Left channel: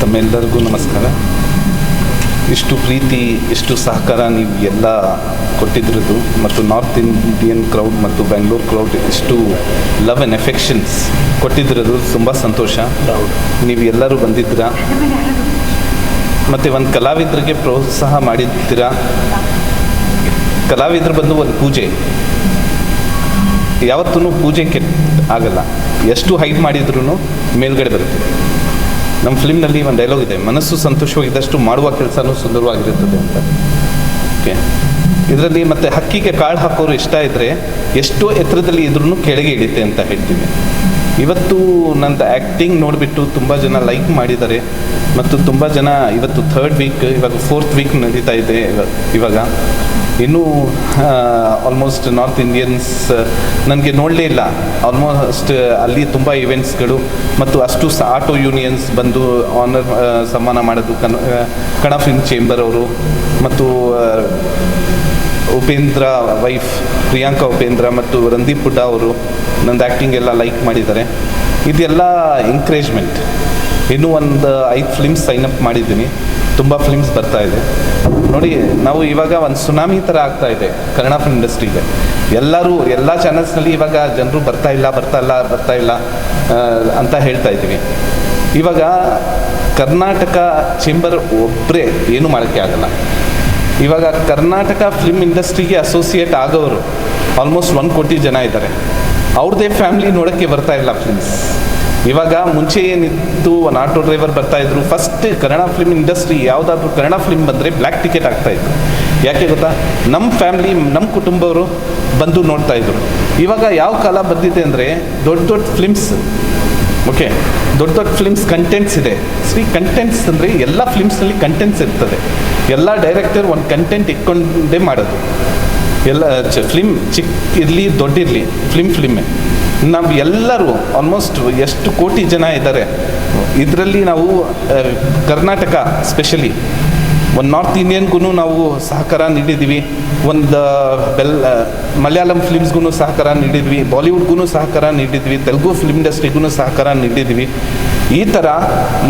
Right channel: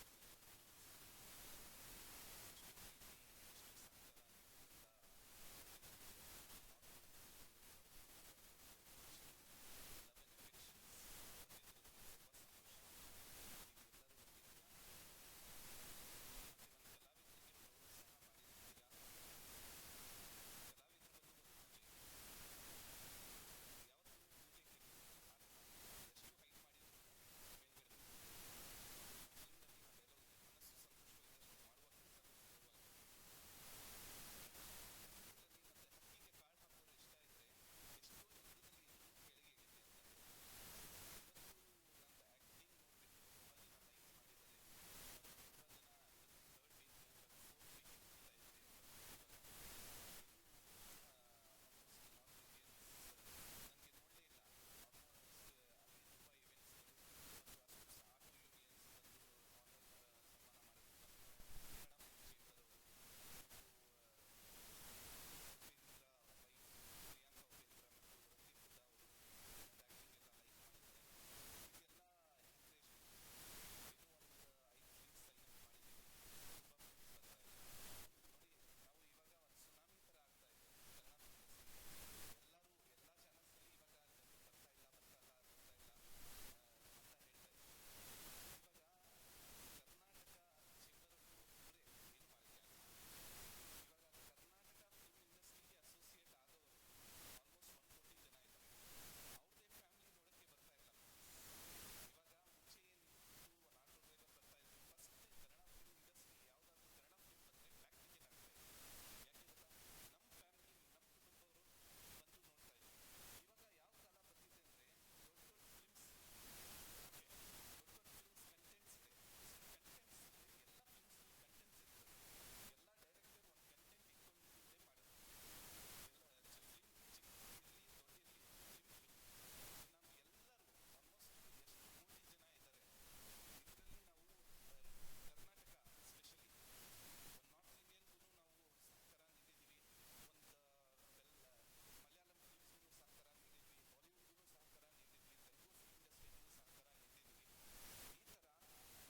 ತಮ್ಮೆಲ್ಲರಿಗೂ ನಮಸ್ಕಾರ. ಇಷ್ಟು ಪ್ರೀತಿ, ಇಷ್ಟು ಸಹಕಾರ ನೀವು ಎಲ್ಲ ಕೊಟ್ಟಿದ್ರದ್ದು ಮತ್ತು ನಾರ್ತ್ ಇಂಡಿಯನ್ ಕ್ರೌಡ್ ಮತ್ತು ಬ್ಯಾಂಗ್ಳೂರ್ ಕ್ರೌಡ್ ಇಷ್ಟು ಲವ್ ಆ್ಯಂಡ್ ಎಫೆಕ್ಷನ್ಸ್ ಕೊಟ್ಟಿದ್ರದ್ದು ತುಂಬ ಸಂತೋಷ. ನೀವು ಎಲ್ಲರೂ ಬಂದಿದ್ದೀರಾ ಮತ್ತು ಒಂದು ಕಲಾವಿದರಿಗೆ ಪ್ರೋತ್ಸಾಹ ಮಾಡಿದ್ದೀರಾ. ಕಲಾವಿದರು ಬಂದು ಒಂದು ಪೂಜೆ, ಯಾವತ್ತೂ ಪೂಜೆ ಆಗಲ್ಲ. ಎಷ್ಟು ಹೈಟ್ ಮಾಡಿದ್ರೂ ಮೇಲ್ಗಡೆ ಬರುತ್ತೆ. ನಮ್ಮ ಫಿಲ್ಮ್ನಲ್ಲಿ ಒಂದು ಡೈಲಾಗ್ ಇದೆ, ಮನಸ್ಸು ಸಂತೋಷವಾಗಿದ್ದಷ್ಟು ಮಾಡುವ ಕೆಲಸನೂ ಸುಂದರವಾಗಿರುತ್ತದೆ ಅಂತ. ಓಕೆ, ಇದರಲ್ಲಿ ಮತ್ತು ಹಕ್ಕಿಗೆ ಕಾಳು ಹಾಕೋರು ಇಷ್ಟ ಇದ್ದರೆ ಎಷ್ಟೋ ಎತ್ತರದಲ್ಲಿ ಇದ್ರೂ ಕೆಳಗೆ ಇಳಿತೆ ಅಂತ ಹೇಳ್ತೀವಿ. ಇವತ್ತು ನಂದು ಆ್ಯಕ್ಟಿಂಗ್ ನೋಡಿಬಿಟ್ಟು ತುಂಬ ಜನ ಲೈಕ್ ಮಾಡಿದ್ದಾರೆ ಮತ್ತು ತುಂಬ ಜನ ಇವತ್ತು 3rd ವೀಕ್, ಇವಾಗ 4th ವೀಕ್ ನಡೀತಾ ಇದೆ. ಇವಾಗ ಇನ್ನೂ ಆಲ್ಮೋಸ್ಟ್ ನಾರ್ತ್ ಇಂಡಿಯನ್ಸ್ ನನಗೆ ನೋಡಲೇ ಇಲ್ಲ. ಆಲ್ಮೋಸ್ಟ್ ಅಲ್ಲಿ ತುಂಬ ಇವೆಂಟ್ಸ್ಗಳು ಮತ್ತು ಅಷ್ಟು ಆಟೋ ಯೂನಿಯನ್ಸ್ ಬಂದು ಆನರ್ ಸನ್ಮಾನ ಮಾಡೋದು. ಕನ್ನಡ ಫಿಲ್ಮ್ ಚೇಂಬರ್ ಅವರು ಮತ್ತು ಉಪೇಂದ್ರ ವೈಫ್ ಪ್ರಿಯಾಂಕಾ ಉಪೇಂದ್ರ ಮತ್ತು ರಂದೀಪ್ ಹುಡ್ಡಾ ಅವರು ನಂದು ಆ್ಯಕ್ಟಿಂಗ್ ಎಲ್ಲ ಲೈಕ್ ಮಾಡಿದ್ದಾರೆ. ಇದೆಲ್ಲ ಎಂಕರೇಜ್ಮೆಂಟ್. ಇನ್ನೂ ಒಂದು 5 ಫಿಲ್ಮ್ಸ್ ಸೈನಪ್ ಮಾಡಿದ್ದೀನಿ. ತುಂಬ ಫಿಲ್ಮ್ಸ್ ಬರ್ತಾ ಇದೆ ನೋಡಿ. ನಾವು ಇವಾಗ ಒಂದು ಸುನಾಮಿ ಥರ ಆಗ್ತಾ ಇದೆ ಕನ್ನಡ ಫಿಲ್ಮ್ ಇಂಡಸ್ಟ್ರಿಗೆ. ಎಲ್ಲರೂ ಎಲ್ಲ ಚಾನಲ್ಸ್ನಲ್ಲಿ ಇವಾಗ ಜನರು ಬರ್ತಾ ಇಲ್ಲ ಅಂತ ಹೇಳ್ತಾ ಇದ್ದೀವಿ. ಇವಾಗ ಕರ್ನಾಟಕ ಚೇಂಬರ್ ಒಬ್ಬರೇ ಏನೂ ಮಾಡೋಕ್ಕೆ ಆಗಲ್ಲ. ಇವಾಗ ಕರ್ನಾಟಕ ಫಿಲ್ಮ್ ಇಂಡಸ್ಟ್ರಿಗೆ ಅಸೋಸಿಯೇಟ್ ಆಗೋರು ಆಲ್ಮೋಸ್ಟ್ 1 ಕೋಟಿ ಜನ ಇದ್ದಾರೆ. ಅವ್ರದ್ದೇ ಫ್ಯಾಮ್ಲಿ ನೋಡೋಕ್ಕೆ ಬರ್ತಾ ಇಲ್ಲ ಫಿಲ್ಮ್ಸ್. ಇವಾಗ ಮುಂಚೆ ಏನಿತ್ತು, ಒಂದು ಆಟೋ ಡ್ರೈವರ್ ಬರ್ತಾಯಿದ್ರು. ಫಸ್ಟ್ ಕನ್ನಡ ಫಿಲ್ಮ್ ಇಂಡಸ್ಟ್ರಿ ಯಾವುದಾದ್ರೂ ಕನ್ನಡ ಫಿಲ್ಮ್ ಬಂದರೆ ಬ್ಲ್ಯಾಕ್ ಟಿಕೆಟ್ ಆಗ್ತಾಯಿತ್ತು. ಯಾಕೆ ಗೊತ್ತಾ? ನಮ್ಮ ಫ್ಯಾಮ್ಲಿ, ನಮ್ಮ ಕುಟುಂಬವರು ಬಂದು ನೋಡ್ತಾಯಿದ್ರು. ಇವಾಗ ಯಾವ ಕಾಲ ಬಂದಿದೆ ಅಂದರೆ ದೊಡ್ಡ ಫಿಲ್ಮ್ಸ್, ಓಕೆ, ದೊಡ್ಡ ಫಿಲ್ಮ್ಸ್ ಕಂಟೆಂಟ್ಸ್ ಇದೆ. ಕಂಟೆಂಟ್ಸ್ ಅಂದರೆ ಎಲ್ಲ ಫಿಲ್ಮ್ಸ್ನಲ್ಲಿ ಕಂಟೆಂಟ್ಸ್ ಇರ್ತದೆ. ಎಲ್ಲ ಡೈರೆಕ್ಟರ್ ಒಂದು ಕಂಟೆಂಟ್ ಇಟ್ಕೊಂಡೇ ಮಾಡೋದು. ಎಲ್ಲ ಫಿಲ್ಮ್ ಚಿಕ್ಕ ಇರಲಿ ದೊಡ್ಡಿರಲಿ ಫಿಲ್ಮೇ. ನಾವು ಎಲ್ಲರೂ ಆಲ್ಮೋಸ್ಟ್ ಎಷ್ಟು ಕೋಟಿ ಜನ ಇದ್ದಾರೆ ಇದರಲ್ಲಿ. ನಾವು ಕರ್ನಾಟಕ ಸ್ಪೆಷಲಿ ಒಂದು ನಾರ್ತ್ ಇಂಡಿಯನ್ಗೂ ನಾವು ಸಹಕಾರ ನೀಡಿದ್ದೀವಿ. ಒಂದು ಮಲಯಾಳಂ ಫಿಲ್ಮ್ಸ್ಗೂ ಸಹಕಾರ ನೀಡಿದ್ವಿ, ಬಾಲಿವುಡ್ಗೂ ಸಹಕಾರ ನೀಡಿದ್ವಿ, ತೆಲುಗು ಫಿಲ್ಮ್ ಇಂಡಸ್ಟ್ರಿಗೂ ಸಹಕಾರ ನೀಡಿದ್ವಿ. ಈ ಥರ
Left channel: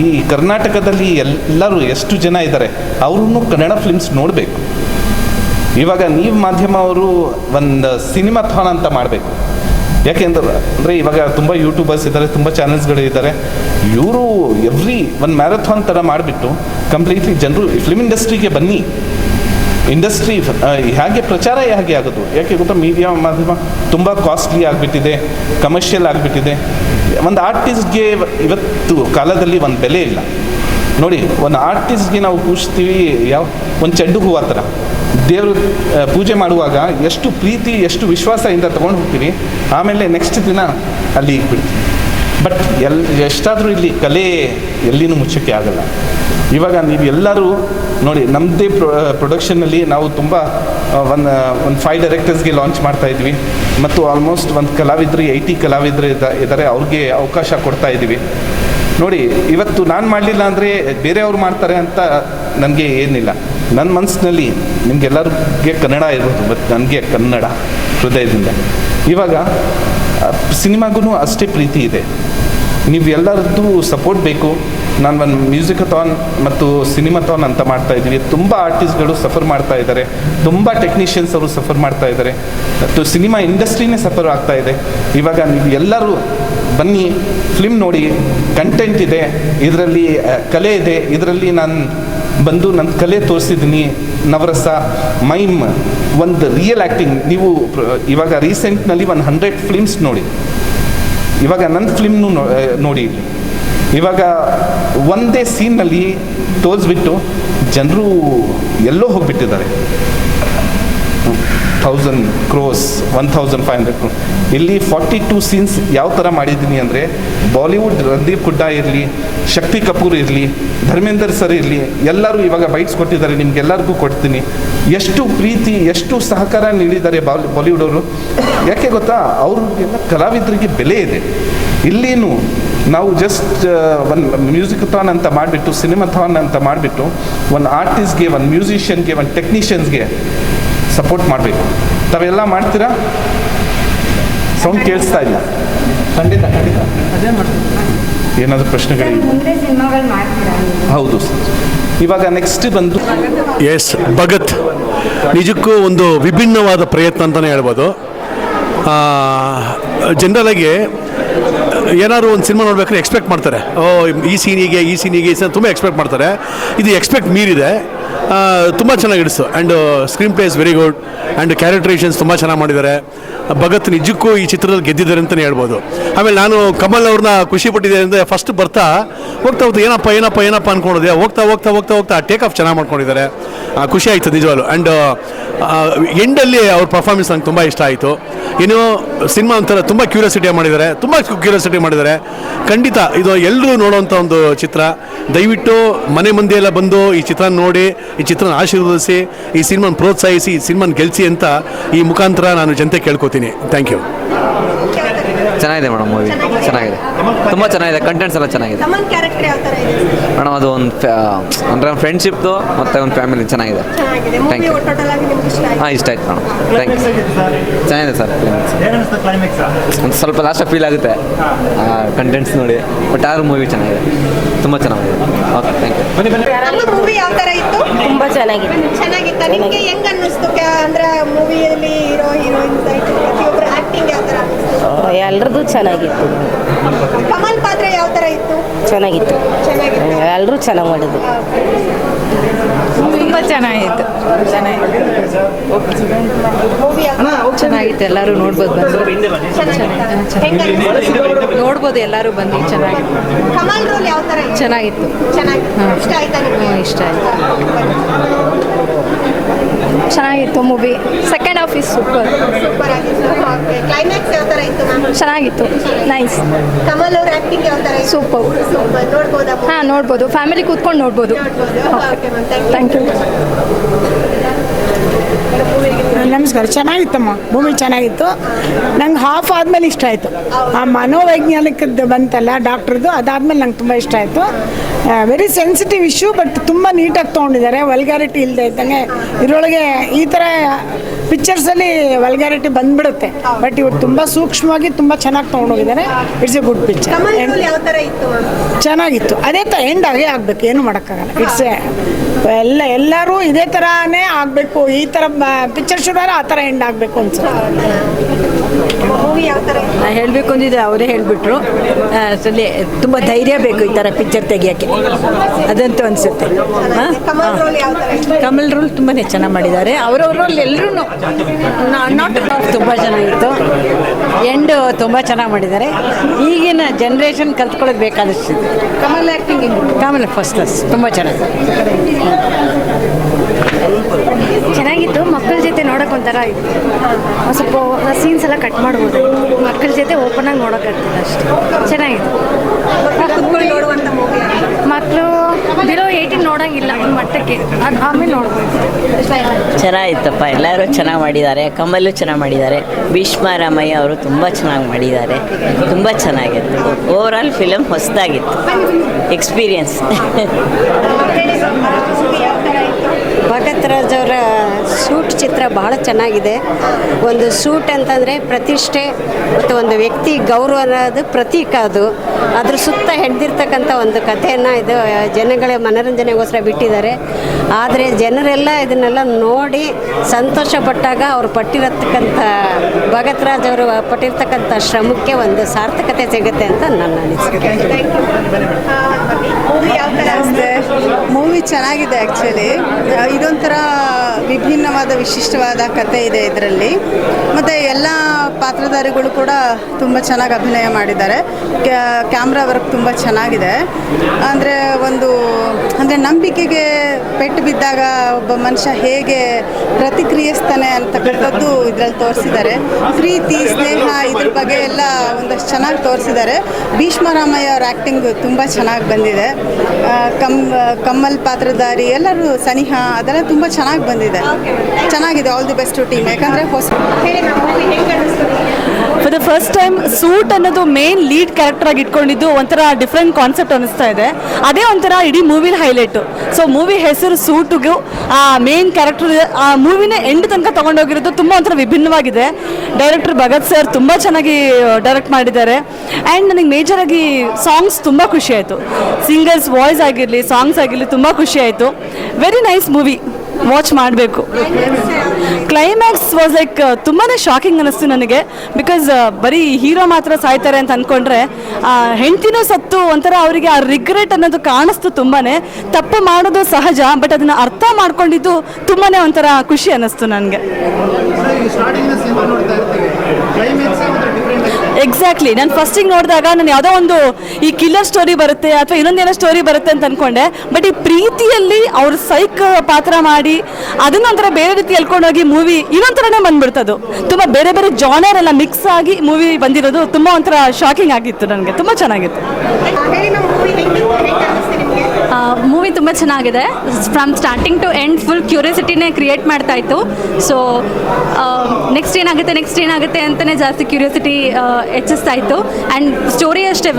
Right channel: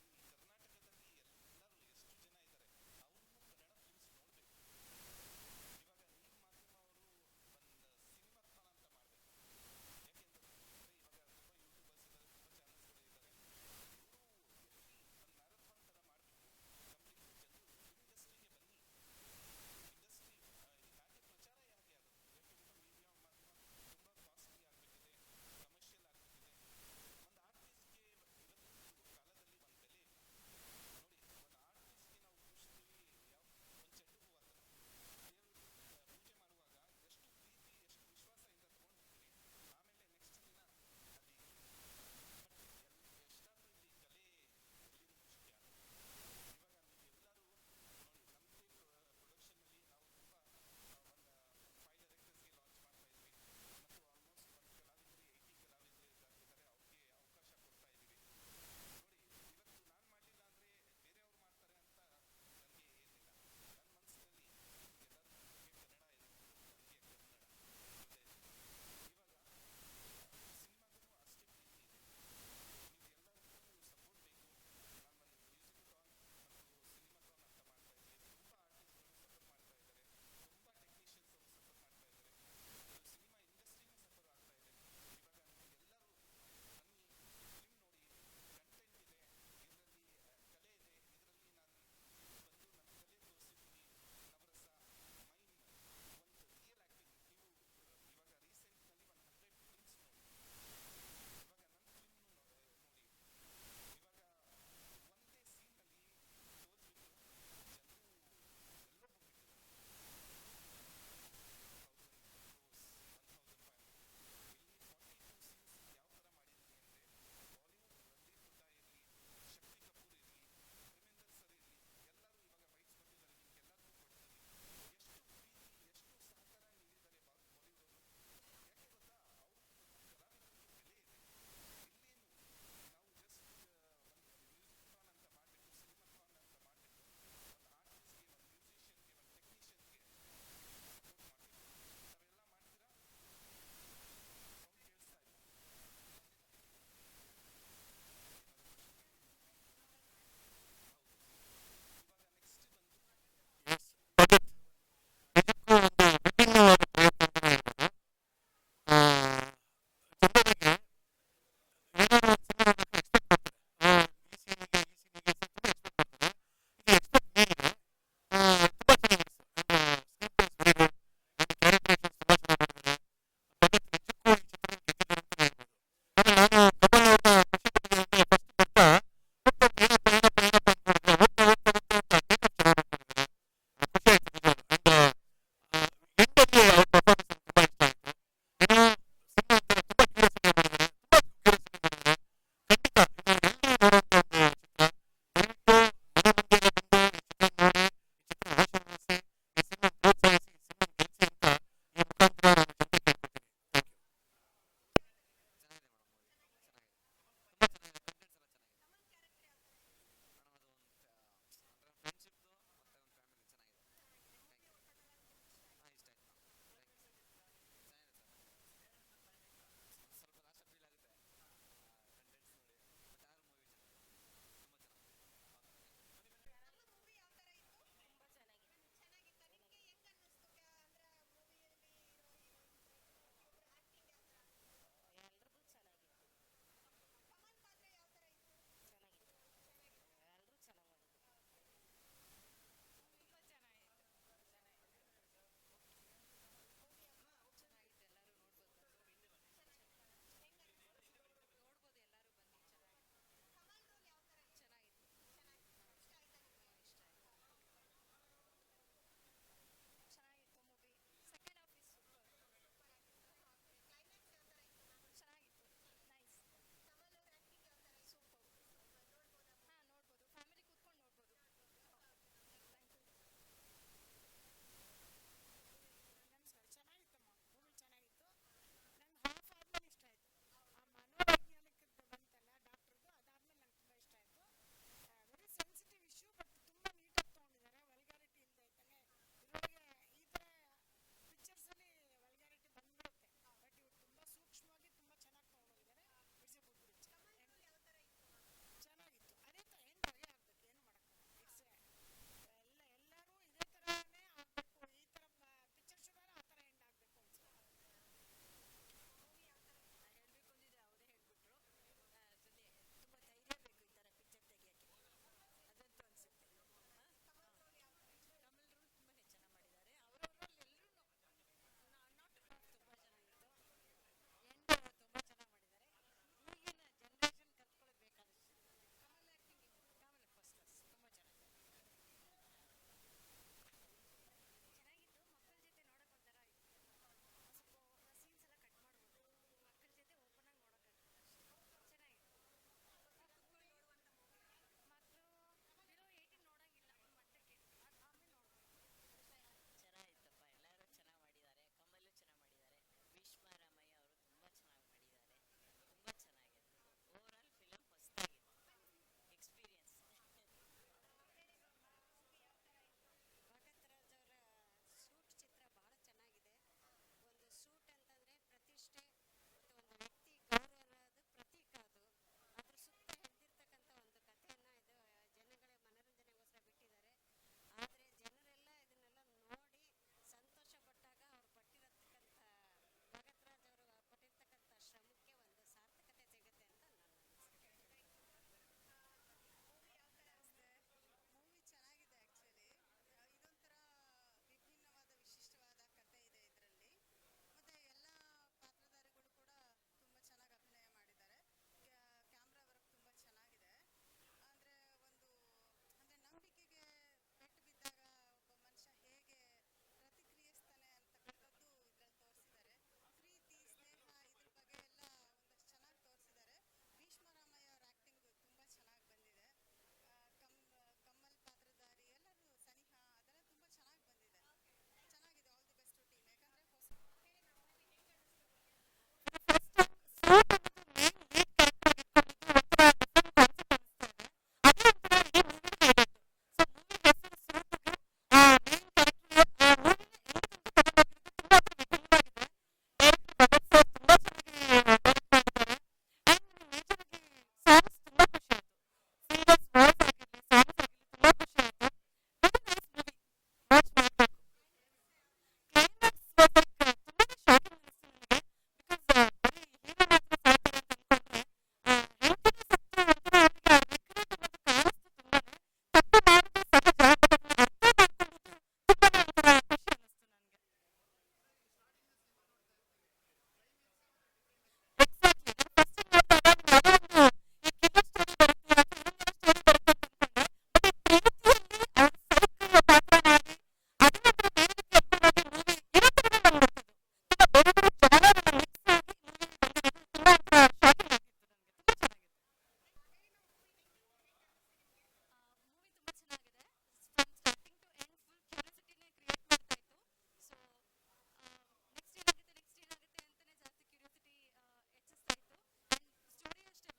ಈ ಕರ್ನಾಟಕದಲ್ಲಿ ಎಲ್ಲರೂ ಎಷ್ಟು ಜನ ಇದ್ದಾರೆ ಅವ್ರೂ ಕನ್ನಡ ಫಿಲ್ಮ್ಸ್ ನೋಡಬೇಕು. ಇವಾಗ ನೀವು ಮಾಧ್ಯಮ ಅವರು ಒಂದು ಸಿನಿಮಾಥಾನ್ ಅಂತ ಮಾಡಬೇಕು. ಯಾಕೆಂದರೆ ಇವಾಗ ತುಂಬ ಯೂಟ್ಯೂಬರ್ಸ್ ಇದ್ದಾರೆ, ತುಂಬ ಚಾನಲ್ಸ್ಗಳು ಇದ್ದಾರೆ. ಇವರು ಒಂದು ಮ್ಯಾರಥಾನ್ ಥರ ಮಾಡಿಬಿಟ್ಟು ಕಂಪ್ಲೀಟ್ಲಿ ಜನರು ಫಿಲ್ಮ್ ಇಂಡಸ್ಟ್ರಿಗೆ ಬನ್ನಿ. ಇಂಡಸ್ಟ್ರಿ ಹೇಗೆ ಪ್ರಚಾರ ಹೇಗೆ ಆಗೋದು? ಯಾಕೆ ಗೊತ್ತಾ? ಮೀಡಿಯಾ ಮಾಧ್ಯಮ ತುಂಬ ಕಾಸ್ಟ್ಲಿ ಆಗಿಬಿಟ್ಟಿದೆ, ಕಮರ್ಷಿಯಲ್ ಆಗಿಬಿಟ್ಟಿದೆ. ಒಂದು ಆರ್ಟಿಸ್ಟ್ಗೆ ಇವತ್ತು ಕಾಲದಲ್ಲಿ ಒಂದು ಬೆಲೆ ಇಲ್ಲ ನೋಡಿ. ಒಂದು ಆರ್ಟಿಸ್ಟ್ಗೆ ನಾವು ಕೂರಿಸ್ತೀವಿ ಒಂದು ಚೆಂಡು ಹೂವು ಥರ. ದೇವರು ಪೂಜೆ ಮಾಡುವಾಗ ಎಷ್ಟು ಪ್ರೀತಿ, ಎಷ್ಟು ವಿಶ್ವಾಸದಿಂದ ತೊಗೊಂಡು ಹೋಗ್ತೀವಿ, ಆಮೇಲೆ ನೆಕ್ಸ್ಟ್ ದಿನ ಅಲ್ಲಿ ಇಟ್ಬಿಡ್ತೀವಿ. ಬಟ್ ಎಷ್ಟಾದರೂ ಇಲ್ಲಿ ಕಲೆ ಎಲ್ಲಿನೂ ಮುಚ್ಚೋಕ್ಕೆ ಆಗಲ್ಲ. ಇವಾಗ ನೀವು ಎಲ್ಲರೂ ನೋಡಿ, ನಮ್ಮದೇ ಪ್ರೊಡಕ್ಷನ್ನಲ್ಲಿ ನಾವು ತುಂಬ ಒಂದು 5 ಡೈರೆಕ್ಟರ್ಸ್ಗೆ ಲಾಂಚ್ ಮಾಡ್ತಾಯಿದ್ವಿ ಮತ್ತು ಆಲ್ಮೋಸ್ಟ್ ಒಂದು ಕಲಾವಿದರು 80 ಕಲಾವಿದರು ಇದ್ದಾರೆ, ಅವ್ರಿಗೆ ಅವಕಾಶ ಕೊಡ್ತಾ ಇದ್ದೀವಿ ನೋಡಿ. ಇವತ್ತು ನಾನು ಮಾಡಲಿಲ್ಲ ಅಂದರೆ ಬೇರೆಯವ್ರು ಮಾಡ್ತಾರೆ ಅಂತ ನನಗೆ ಏನಿಲ್ಲ. ನನ್ನ ಮನಸ್ಸಿನಲ್ಲಿ ನಿಮಗೆಲ್ಲರಿಗೆ ಕನ್ನಡ ಇರೋದು, ಬಟ್ ನನಗೆ ಕನ್ನಡ ಹೃದಯದಿಂದ. ಇವಾಗ ಸಿನಿಮಾಗೂ ಅಷ್ಟೇ ಪ್ರೀತಿ ಇದೆ. ನೀವು ಎಲ್ಲರದ್ದು ಸಪೋರ್ಟ್ ಬೇಕು. ನಾನು ಒಂದು ಮ್ಯೂಸಿಕಥಾನ್ ಮತ್ತು ಸಿನಿಮಾಥಾನ್ ಅಂತ ಮಾಡ್ತಾಯಿದ್ದೀವಿ. ತುಂಬ ಆರ್ಟಿಸ್ಟ್ಗಳು ಸಫರ್ ಮಾಡ್ತಾ ಇದ್ದಾರೆ, ತುಂಬ ಟೆಕ್ನಿಷಿಯನ್ಸ್ ಅವರು ಸಫರ್ ಮಾಡ್ತಾ ಇದ್ದಾರೆ ಮತ್ತು ಸಿನಿಮಾ ಇಂಡಸ್ಟ್ರಿನೇ ಸಫರ್ ಆಗ್ತಾ ಇದೆ. ಇವಾಗ ನೀವು ಎಲ್ಲರೂ ಬನ್ನಿ, ಫಿಲ್ಮ್ ನೋಡಿ. ಕಂಟೆಂಟ್ ಇದೆ ಇದರಲ್ಲಿ, ಕಲೆ ಇದೆ ಇದರಲ್ಲಿ. ನಾನು ಬಂದು ನನ್ನ ಕಲೆ ತೋರಿಸಿದ್ದೀನಿ. ನವರಸ, ಮೈಮ್, ಒಂದು ರಿಯಲ್ ಆ್ಯಕ್ಟಿಂಗ್. ನೀವು ಇವಾಗ ರೀಸೆಂಟ್ನಲ್ಲಿ ಒಂದು 100 ಫಿಲ್ಮ್ಸ್ ನೋಡಿ. ಇವಾಗ ನನ್ನ ಫಿಲ್ಮ್ನು ನೋಡಿ. ಇವಾಗ ಒಂದೇ ಸೀನ್ನಲ್ಲಿ ತೋರಿಸ್ಬಿಟ್ಟು ಜನರು ಎಲ್ಲೋ ಹೋಗಿಬಿಟ್ಟಿದ್ದಾರೆ. 1000 crores, 1500 crores. ಇಲ್ಲಿ 42 ಸೀನ್ಸ್ ಯಾವ ಥರ ಮಾಡಿದ್ದೀನಿ ಅಂದರೆ, ಬಾಲಿವುಡ್ ರಂದೀಪ್ ಹುಡ್ಡಾ ಇರಲಿ, ಶಕ್ತಿ ಕಪೂರ್ ಇರಲಿ, ಧರ್ಮೇಂದರ್ ಸರ್ ಇರಲಿ, ಎಲ್ಲರೂ ಇವಾಗ ಬೈಟ್ಸ್ ಕೊಟ್ಟಿದ್ದಾರೆ. ನಿಮ್ಗೆಲ್ಲರಿಗೂ ಕೊಡ್ತೀನಿ. ಎಷ್ಟು ಪ್ರೀತಿ, ಎಷ್ಟು ಸಹಕಾರ ನೀಡಿದ್ದಾರೆ ಬಾಲಿವುಡ್ ಅವರು. ಯಾಕೆ ಗೊತ್ತಾ? ಅವ್ರಿಗೆಲ್ಲ ಕಲಾವಿದರಿಗೆ ಬೆಲೆ ಇದೆ. ಇಲ್ಲೇನು ನಾವು ಜಸ್ಟ್ ಒಂದು ಮ್ಯೂಸಿಕಥಾನ್ ಅಂತ ಮಾಡಿಬಿಟ್ಟು, ಸಿನಿಮಾಥಾನ್ ಅಂತ ಮಾಡಿಬಿಟ್ಟು, ಒಂದು ಆರ್ಟಿಸ್ಟ್ಗೆ, ಒಂದು ಮ್ಯೂಸಿಷಿಯನ್ಗೆ, ಒಂದು ಟೆಕ್ನಿಷಿಯನ್ಸ್ಗೆ ಸಪೋರ್ಟ್ ಮಾಡಬೇಕು. ತಾವೆಲ್ಲ ಮಾಡ್ತೀರಾ? ಸೌಂಡ್ ಕೇಳಿಸ್ತಾ ಇಲ್ಲ. ಖಂಡಿತ ಅದೇ ಮಾಡ್ತೀವಿ. ಏನಾದರೂ ಪ್ರಶ್ನೆಗಳಿವೆ? ಮುಂದೆ ಸಿನಿಮಾಗಳು ಮಾಡ್ತೀರಾ? ಹೌದು ಸರ್. ಇವಾಗ ನೆಕ್ಸ್ಟ್ ಬಂದು ಎಸ್, ಭಗತ್ ನಿಜಕ್ಕೂ ಒಂದು ವಿಭಿನ್ನವಾದ ಪ್ರಯತ್ನ ಅಂತಲೇ ಹೇಳ್ಬೋದು. ಜನರಲಾಗಿ ಏನಾದ್ರು ಒಂದು ಸಿನಿಮಾ ನೋಡ್ಬೇಕಾದ್ರೆ ಎಕ್ಸ್ಪೆಕ್ಟ್ ಮಾಡ್ತಾರೆ, ಈ ಸೀನಿಗೆ ತುಂಬ ಎಕ್ಸ್ಪೆಕ್ಟ್ ಮಾಡ್ತಾರೆ. ಇದು ಎಕ್ಸ್ಪೆಕ್ಟ್ ಮೀರಿದೆ, ತುಂಬ ಚೆನ್ನಾಗಿ ಹಿಡಿಸು. And screen play is very good and characterisations ತುಂಬ ಚೆನ್ನಾಗಿ ಮಾಡಿದ್ದಾರೆ. ಭಗತ್ ನಿಜಕ್ಕೂ ಈ ಚಿತ್ರದಲ್ಲಿ ಗೆದ್ದಿದ್ದಾರೆ ಅಂತಲೇ ಹೇಳ್ಬೋದು. ಆಮೇಲೆ ನಾನು ಕಮಲ್ ಅವ್ರನ್ನ ಖುಷಿ ಪಟ್ಟಿದ್ದೆ ಅಂದರೆ ಫಸ್ಟ್ ಬರ್ತಾ ಹೋಗ್ತಾ ಏನಪ್ಪ ಅಂದ್ಕೊಂಡಿದ್ದೆ, ಹೋಗ್ತಾ ಟೇಕ್ ಆಫ್ ಚೆನ್ನಾಗಿ ಮಾಡ್ಕೊಂಡಿದ್ದಾರೆ. ಖುಷಿ ಆಯಿತು ನಿಜವಾಗ್ಲು. ಆ್ಯಂಡ್ ಎಂಡಲ್ಲಿ ಅವ್ರ ಪರ್ಫಾರ್ಮೆನ್ಸ್ ನಂಗೆ ತುಂಬ ಇಷ್ಟ ಆಯಿತು. ಏನೋ ಸಿನಿಮಾ ಒಂಥರ ತುಂಬ ಕ್ಯೂರಿಯಾಸಿಟಿ ಮಾಡಿದ್ದಾರೆ. ಖಂಡಿತ ಇದು ಎಲ್ಲರೂ ನೋಡೋವಂಥ ಒಂದು ಚಿತ್ರ. ದಯವಿಟ್ಟು ಮನೆ ಮಂದಿಯೆಲ್ಲ ಬಂದು ಈ ಚಿತ್ರನ ನೋಡಿ, ಈ ಚಿತ್ರನ ಆಶೀರ್ವದಿಸಿ, ಈ ಸಿನಿಮಾನ ಪ್ರೋತ್ಸಾಹಿಸಿ, ಈ ಸಿನಿಮಾನ ಗೆಲ್ಲಿಸಿ ಅಂತ ಈ ಮುಖಾಂತರ ನಾನು ಜನತೆ ಕೇಳ್ಕೊತೀನಿ. Thank you. ಚೆನ್ನಾಗಿದೆ ಮೇಡಮ್, ಮೂವಿ ಚೆನ್ನಾಗಿದೆ, ತುಂಬ ಚೆನ್ನಾಗಿದೆ, ಕಂಟೆಂಟ್ಸ್ ಎಲ್ಲ ಚೆನ್ನಾಗಿದೆ ಮೇಡಮ್. ಅದು ಅಂದರೆ ಫ್ರೆಂಡ್ಶಿಪ್ದು ಮತ್ತು ಒಂದು ಫ್ಯಾಮಿಲಿ ಚೆನ್ನಾಗಿದೆ. Thank you. ಹಾಂ, ಇಷ್ಟ ಆಯ್ತು ಮೇಡಮ್. Thank you. ಚೆನ್ನಾಗಿದೆ ಸರ್. ಒಂದು ಸ್ವಲ್ಪ ಲಾಸ್ಟಾಗಿ ಫೀಲ್ ಆಗುತ್ತೆ ಕಂಟೆಂಟ್ಸ್ ನೋಡಿ, ಬಟ್ ಆದ್ರೂ ಮೂವಿ ಚೆನ್ನಾಗಿದೆ, ತುಂಬ ಚೆನ್ನಾಗಿದೆ. Okay, thank you. ಮೂವಿ ಯಾವ ಥರ ಇತ್ತು? ತುಂಬ ಚೆನ್ನಾಗಿತ್ತು. ನಿಮಗೆ ಹೆಂಗೆ ಅನ್ನಿಸ್ತು? ಅಂದರೆ ಮೂವಿಯಲ್ಲಿ ಹೀರೋಯಿನ್ಸ್ ಪ್ರತಿಯೊಬ್ಬರ ಆ್ಯಕ್ಟಿಂಗ್ ಯಾವ ಥರ ಅನ್ನಿಸ್ತು? ಎಲ್ರದ್ದು ಚೆನ್ನಾಗಿತ್ತು. ಕಮಲ್ ಪಾತ್ರ ಯಾವ ಥರ ಇತ್ತು? ಚೆನ್ನಾಗಿತ್ತು. ಎಲ್ಲರೂ ಚೆನ್ನಾಗಿ ಮಾಡಿದ್ರು. ತುಂಬ ಚೆನ್ನಾಗಿತ್ತು. ಚೆನ್ನಾಗಿತ್ತು. ಎಲ್ಲರೂ ನೋಡ್ಬೋದು, ಬಂದು ನೋಡ್ಬೋದು, ಎಲ್ಲರೂ ಬಂದು ಚೆನ್ನಾಗಿತ್ತು. ಕಮಲ್ ರೋಲ್ ಯಾವ ಥರ ಇತ್ತು? ಚೆನ್ನಾಗಿತ್ತು. ಇಷ್ಟ ಆಯ್ತಾ ನಿಮಗೆ? ಇಷ್ಟ ಆಯಿತು. ಚೆನ್ನಾಗಿತ್ತು movie. Second half is super ಆಗಿತ್ತು. ಕ್ಲೈಮ್ಯಾಕ್ಸ್ ಯಾವ ಥರ ಇತ್ತು ಮ್ಯಾಮ್? ಚೆನ್ನಾಗಿತ್ತು. ನೈಸ್. ಕಮಲ್ ಅವ್ರ ಆ್ಯಕ್ಟಿಂಗ್ ಯಾವ ಥರ ಇತ್ತು? ಸೂಪರ್. ನೋಡ್ಬೋದಾ? ಹಾಂ, ನೋಡ್ಬೋದು. ಫ್ಯಾಮಿಲಿ ಕೂತ್ಕೊಂಡು ನೋಡ್ಬೋದು. Okay ma'am, thank you. ನಮಸ್ಕಾರ. ಚೆನ್ನಾಗಿತ್ತಮ್ಮ, ಮೂವಿ ಚೆನ್ನಾಗಿತ್ತು. ನಂಗೆ ಹಾಫ್ ಆದಮೇಲೆ ಇಷ್ಟ ಆಯಿತು. ಆ ಮನೋವೈಜ್ಞಾನಿಕದ್ದು ಬಂತಲ್ಲ ಡಾಕ್ಟ್ರದ್ದು, ಅದಾದಮೇಲೆ ನಂಗೆ ತುಂಬ ಇಷ್ಟ ಆಯಿತು. ವೆರಿ ಸೆನ್ಸಿಟಿವ್ ಇಶ್ಯೂ, ಬಟ್ ತುಂಬ ನೀಟಾಗಿ ತೊಗೊಂಡಿದ್ದಾರೆ. ವಲ್ಗ್ಯಾರಿಟಿ ಇಲ್ಲದೆ ಇದ್ದಂಗೆ ಇದರೊಳಗೆ ಈ ಥರ ಪಿಕ್ಚರ್ಸಲ್ಲಿ ವಲ್ಗ್ಯಾರಿಟಿ ಬಂದ್ಬಿಡುತ್ತೆ, ಬಟ್ ಇವ್ರು ತುಂಬ ಸೂಕ್ಷ್ಮವಾಗಿ ತುಂಬ ಚೆನ್ನಾಗಿ ತೊಗೊಂಡೋಗಿದ್ದಾರೆ. It's a good picture. Kamal role ಯಾವ ಥರ ಇತ್ತು ಮ್ಯಾಮ್? ಚೆನ್ನಾಗಿತ್ತು. ಅದೇ ಎಂಡ್ ಆಗೇ ಆಗಬೇಕು, ಏನು ಮಾಡೋಕ್ಕಾಗಲ್ಲ. ಇಟ್ಸ್ ಎಲ್ಲರೂ ಇದೇ ಥರನೇ ಆಗಬೇಕು. ಈ ಥರ ಪಿಕ್ಚರ್ ಶುರು ಆದರೆ ಆ ಥರ ಎಂಡ್ ಆಗಬೇಕು ಅನ್ಸುತ್ತೆ. ಮೂವಿ ಯಾವ ಥರ ಇತ್ತು? ನಾನು ಹೇಳಬೇಕು ಅಂದಿದ್ದೆ, ಅವರೇ ಹೇಳಿಬಿಟ್ರು. ತುಂಬ ಧೈರ್ಯ ಬೇಕು ಈ ಥರ ಪಿಕ್ಚರ್ ತೆಗಿಯೋಕ್ಕೆ, ಅದಂತೂ ಅನಿಸುತ್ತೆ. ಕಮಲ್ ರೋಲ್ ಯಾವ ಥರ ಇತ್ತು? ಕಮಲ್ ರೋಲ್ ತುಂಬಾ ಚೆನ್ನಾಗಿ ಮಾಡಿದ್ದಾರೆ. ಅವರವ್ರಲ್ಲಿ ಎಲ್ಲರೂ ನಾಟ್ ತುಂಬ ಚೆನ್ನಾಗಿತ್ತು. ಎಂಡ್ ತುಂಬ ಚೆನ್ನಾಗಿ ಮಾಡಿದ್ದಾರೆ. ಈಗಿನ ಜನ್ರೇಷನ್ ಕಲ್ತ್ಕೊಳ್ಳೋದು ಬೇಕಾದಷ್ಟು. Kamal acting Kamal first class, ತುಂಬ ಚೆನ್ನಾಗಿ. ಚೆನ್ನಾಗಿತ್ತು. ಮಕ್ಕಳ ಜೊತೆ ನೋಡೋಕೆ ಒಂಥರ ಇತ್ತು. ಸ್ವಲ್ಪ ಸೀನ್ಸ್ ಎಲ್ಲ ಕಟ್ ಮಾಡ್ಬೋದು. ಮಕ್ಕಳ ಜೊತೆ ಓಪನ್ ಆಗಿ ನೋಡೋಕ್ಕಾಗ್ತದೆ ಅಷ್ಟೇ. ಚೆನ್ನಾಗಿತ್ತು. ಕುತ್ಕೊಂಡು ನೋಡುವಂಥ ಮೂವಿ. ಮಕ್ಕಳು ಬಿಲೋ 18 ನೋಡೋಂಗಿಲ್ಲ ಒಂದು ಮಟ್ಟಕ್ಕೆ, ಅದು ಆಮೇಲೆ ನೋಡ್ಬೋದು. ಚೆನ್ನಾಗಿತ್ತಪ್ಪ. ಎಲ್ಲರೂ ಚೆನ್ನಾಗಿ ಮಾಡಿದ್ದಾರೆ. ಕಮಲು ಚೆನ್ನಾಗಿ ಮಾಡಿದ್ದಾರೆ. ಭೀಷ್ಮ ರಾಮಯ್ಯ ಅವರು ತುಂಬ ಚೆನ್ನಾಗಿ ಮಾಡಿದ್ದಾರೆ. ತುಂಬ ಚೆನ್ನಾಗಿತ್ತು. ಓವರಾಲ್ ಫಿಲಮ್ ಹೊಸದಾಗಿತ್ತು, ಎಕ್ಸ್ಪೀರಿಯನ್ಸ್. ಭಗತ್ ರಾಜ್ ಅವರ ಸೂಟ್ ಚಿತ್ರ ಬಹಳ ಚೆನ್ನಾಗಿದೆ. ಒಂದು ಸೂಟ್ ಅಂತಂದರೆ ಪ್ರತಿಷ್ಠೆ ಮತ್ತು ಒಂದು ವ್ಯಕ್ತಿ ಗೌರವ ಅನ್ನೋದು ಪ್ರತೀಕ. ಅದ್ರ ಸುತ್ತ ಹೆಡ್ದಿರ್ತಕ್ಕಂಥ ಒಂದು ಕಥೆಯನ್ನು ಇದು ಜನಗಳ ಮನೋರಂಜನೆಗೋಸ್ಕರ ಬಿಟ್ಟಿದ್ದಾರೆ. ಆದರೆ ಜನರೆಲ್ಲ ಇದನ್ನೆಲ್ಲ ನೋಡಿ ಸಂತೋಷ ಪಟ್ಟಾಗ ಅವ್ರು ಪಟ್ಟಿರತಕ್ಕಂಥ ಭಗತ್ ರಾಜ್ ಅವರು ಪಟ್ಟಿರ್ತಕ್ಕಂಥ ಶ್ರಮಕ್ಕೆ ಒಂದು ಸಾರ್ಥಕತೆ ಸಿಗುತ್ತೆ ಅಂತ ನನ್ನ ಅನಿಸಿಕೆ. ಮೂವಿ ಚೆನ್ನಾಗಿದೆ. ಆ್ಯಕ್ಚುಲಿ ಇದೊಂಥರ ವಿಭಿನ್ನವಾದ ವಿಶಿಷ್ಟವಾದ ಕಥೆ ಇದೆ ಇದರಲ್ಲಿ. ಮತ್ತು ಎಲ್ಲ ಪಾತ್ರಧಾರಿಗಳು ಕೂಡ ತುಂಬ ಚೆನ್ನಾಗಿ ಅಭಿನಯ ಮಾಡಿದ್ದಾರೆ. ಕ್ಯಾಮ್ರಾ ವರ್ಕ್ ತುಂಬ ಚೆನ್ನಾಗಿದೆ. ಅಂದರೆ ನಂಬಿಕೆಗೆ ಪೆಟ್ಟು ಬಿದ್ದಾಗ ಒಬ್ಬ ಮನುಷ್ಯ ಹೇಗೆ ಪ್ರತಿಕ್ರಿಯಿಸ್ತಾನೆ ಅಂತಕ್ಕಂಥದ್ದು ಇದರಲ್ಲಿ ತೋರಿಸಿದ್ದಾರೆ. ಪ್ರೀತಿ, ಸ್ನೇಹ, ಇದ್ರ ಬಗ್ಗೆ ಎಲ್ಲ ಒಂದಷ್ಟು ಚೆನ್ನಾಗಿ ತೋರಿಸಿದ್ದಾರೆ. ಭೀಷ್ಮ ರಾಮಯ್ಯ ಅವ್ರ ಆ್ಯಕ್ಟಿಂಗ್ ತುಂಬ ಚೆನ್ನಾಗಿ ಬಂದಿದೆ. ಕಮಲ್ ಪಾತ್ರಧಾರಿ ಎಲ್ಲರೂ ಸನಿಹ ಅದೆಲ್ಲ ತುಂಬ ಚೆನ್ನಾಗಿ ಬಂದಿದೆ. ಚೆನ್ನಾಗಿದೆ. All the best team. ಯಾಕಂದರೆ for the first time suit ಅನ್ನೋದು ಮೇನ್ ಲೀಡ್ ಕ್ಯಾರೆಕ್ಟರ್ ಆಗಿ ಇಟ್ಕೊಂಡಿದ್ದು ಒಂಥರ ಡಿಫ್ರೆಂಟ್ ಕಾನ್ಸೆಪ್ಟ್ ಅನ್ನಿಸ್ತಾ ಇದೆ. ಅದೇ ಒಂಥರ ಇಡೀ ಮೂವಿಲಿ ಹೈಲೈಟು. ಸೊ ಮೂವಿ ಹೆಸರು ಸೂಟುಗೂ ಆ ಮೇನ್ ಕ್ಯಾರೆಕ್ಟರ್ ಆ ಮೂವಿನೇ ಎಂಡ್ ತನಕ ತೊಗೊಂಡೋಗಿರೋದು ತುಂಬ ಒಂಥರ ವಿಭಿನ್ನವಾಗಿದೆ. ಡೈರೆಕ್ಟರ್ ಭಗತ್ ಸರ್ ತುಂಬ ಚೆನ್ನಾಗಿ ಡೈರೆಕ್ಟ್ ಮಾಡಿದ್ದಾರೆ. ಆ್ಯಂಡ್ ನನಗೆ ಮೇಜರಾಗಿ ಸಾಂಗ್ಸ್ ತುಂಬ ಖುಷಿ ಆಯಿತು. ಸಿಂಗರ್ಸ್ ವಾಯ್ಸ್ ಆಗಿರಲಿ, ಸಾಂಗ್ಸ್ ಆಗಿರಲಿ ತುಂಬ ಖುಷಿ ಆಯಿತು. ವೆರಿ ನೈಸ್ ಮೂವಿ, ವಾಚ್ ಮಾಡಬೇಕು. ಕ್ಲೈಮ್ಯಾಕ್ಸ್ ವಾಸ್ ಲೈಕ್ ತುಂಬಾ ಶಾಕಿಂಗ್ ಅನ್ನಿಸ್ತು ನನಗೆ. ಬಿಕಾಸ್ ಬರೀ ಹೀರೋ ಮಾತ್ರ ಸಾಯ್ತಾರೆ ಅಂತ ಅಂದ್ಕೊಂಡ್ರೆ ಹೆಂಡ್ತಿನೂ ಸತ್ತು ಒಂಥರ ಅವರಿಗೆ ಆ ರಿಗ್ರೆಟ್ ಅನ್ನೋದು ಕಾಣಿಸ್ತು. ತುಂಬಾ ತಪ್ಪು ಮಾಡೋದು ಸಹಜ, ಬಟ್ ಅದನ್ನು ಅರ್ಥ ಮಾಡ್ಕೊಂಡಿದ್ದು ತುಂಬಾ ಒಂಥರ ಖುಷಿ ಅನ್ನಿಸ್ತು ನನಗೆ. ಎಕ್ಸಾಕ್ಟ್ಲಿ, ನಾನು ಫಸ್ಟಿಗೆ ನೋಡಿದಾಗ ನಾನು ಯಾವುದೋ ಒಂದು ಈ ಕಿಲ್ಲರ್ ಸ್ಟೋರಿ ಬರುತ್ತೆ ಅಥವಾ ಇನ್ನೊಂದೇನೋ ಸ್ಟೋರಿ ಬರುತ್ತೆ ಅಂತ ಅಂದ್ಕೊಂಡೆ. ಬಟ್ ಈ ಪ್ರೀತಿಯಲ್ಲಿ ಅವ್ರು ಸೈಕ್ ಪಾತ್ರ ಮಾಡಿ ಅದನ್ನೊಂಥರ ಬೇರೆ ರೀತಿ ಎಳ್ಕೊಂಡೋಗಿ ಮೂವಿ ಇನ್ನೊಂಥರನೇ ಬಂದ್ಬಿಡ್ತದು. ತುಂಬ ಬೇರೆ ಬೇರೆ ಜಾನರ್ ಎಲ್ಲ ಮಿಕ್ಸ್ ಆಗಿ ಮೂವಿ ಬಂದಿರೋದು ತುಂಬ ಒಂಥರ ಶಾಕಿಂಗ್ ಆಗಿತ್ತು ನನಗೆ. ತುಂಬ ಚೆನ್ನಾಗಿತ್ತು ಮೂವಿ. ತುಂಬ ಚೆನ್ನಾಗಿದೆ. From starting to end full ಕ್ಯೂರಿಯಾಸಿಟಿನೇ ಕ್ರಿಯೇಟ್ ಮಾಡ್ತಾ ಇತ್ತು. ಸೊ ನೆಕ್ಸ್ಟ್ ಏನಾಗುತ್ತೆ ಅಂತಲೇ ಜಾಸ್ತಿ ಕ್ಯೂರಿಯಾಸಿಟಿ ಹೆಚ್ಚಿಸ್ತಾ ಇತ್ತು. ಆ್ಯಂಡ್ ಸ್ಟೋರಿ ಅಷ್ಟೇ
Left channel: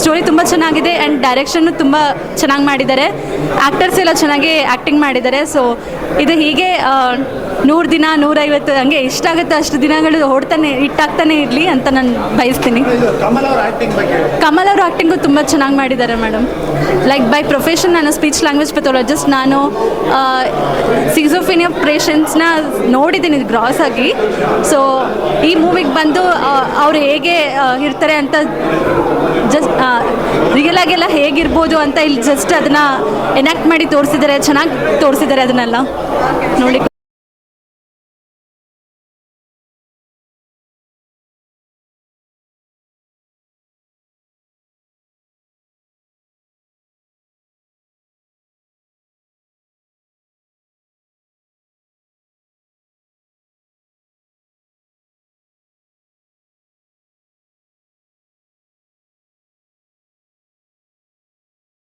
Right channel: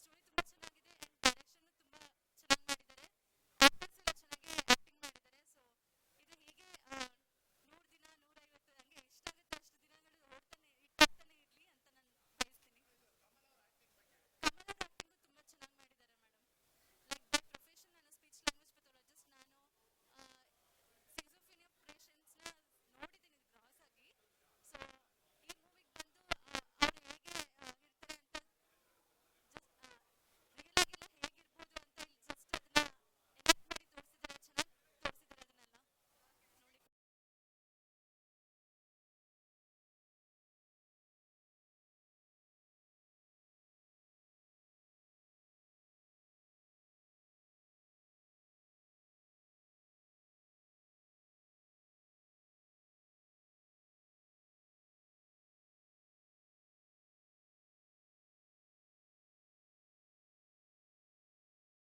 ಸ್ಟೋರಿ ತುಂಬ ಚೆನ್ನಾಗಿದೆ. ಆ್ಯಂಡ್ ಡೈರೆಕ್ಷನ್ನು ತುಂಬ ಚೆನ್ನಾಗಿ ಮಾಡಿದ್ದಾರೆ. ಆ್ಯಕ್ಟರ್ಸ್ ಎಲ್ಲ ಚೆನ್ನಾಗಿ ಆ್ಯಕ್ಟಿಂಗ್ ಮಾಡಿದ್ದಾರೆ. ಸೊ ಇದು ಹೀಗೆ 100 ದಿನ 150 ಹಂಗೆ ಎಷ್ಟಾಗುತ್ತೆ ಅಷ್ಟು ದಿನಗಳು ಹಿಟ್ಟಾಗ್ತಾನೆ ಇರಲಿ ಅಂತ ನಾನು ಬಯಸ್ತೀನಿ. ಕಮಲ್ ಅವ್ರ ಆ್ಯಕ್ಟಿಂಗು ತುಂಬ ಚೆನ್ನಾಗಿ ಮಾಡಿದ್ದಾರೆ ಮೇಡಮ್. ಲೈಕ್ ಬೈ ಪ್ರೊಫೆಷನ್ ನಾನು ಸ್ಪೀಚ್ ಲ್ಯಾಂಗ್ವೇಜ್ ಪೆಥಾಲಜಿಸ್ಟ್. ನಾನು ಸಿಕ್ಸೋಫಿನಿಯಾ ಪೇಷಂಟ್ಸ್ನ ನೋಡಿದ್ದೀನಿ ಗ್ರಾಸ್ ಆಗಿ. ಸೊ ಈ ಮೂವಿಗೆ ಬಂದು ಅವ್ರು ಹೇಗೆ ಇರ್ತಾರೆ ಅಂತ ಜಸ್ಟ್ ರಿಯಲ್ ಆಗೆಲ್ಲ ಹೇಗಿರ್ಬೋದು ಅಂತ ಇಲ್ಲಿ ಜಸ್ಟ್ ಅದನ್ನು ಎನಾಕ್ಟ್ ಮಾಡಿ ತೋರಿಸಿದ್ದಾರೆ. ಚೆನ್ನಾಗಿ ತೋರಿಸಿದ್ದಾರೆ ಅದನ್ನೆಲ್ಲ ನೋಡಿ.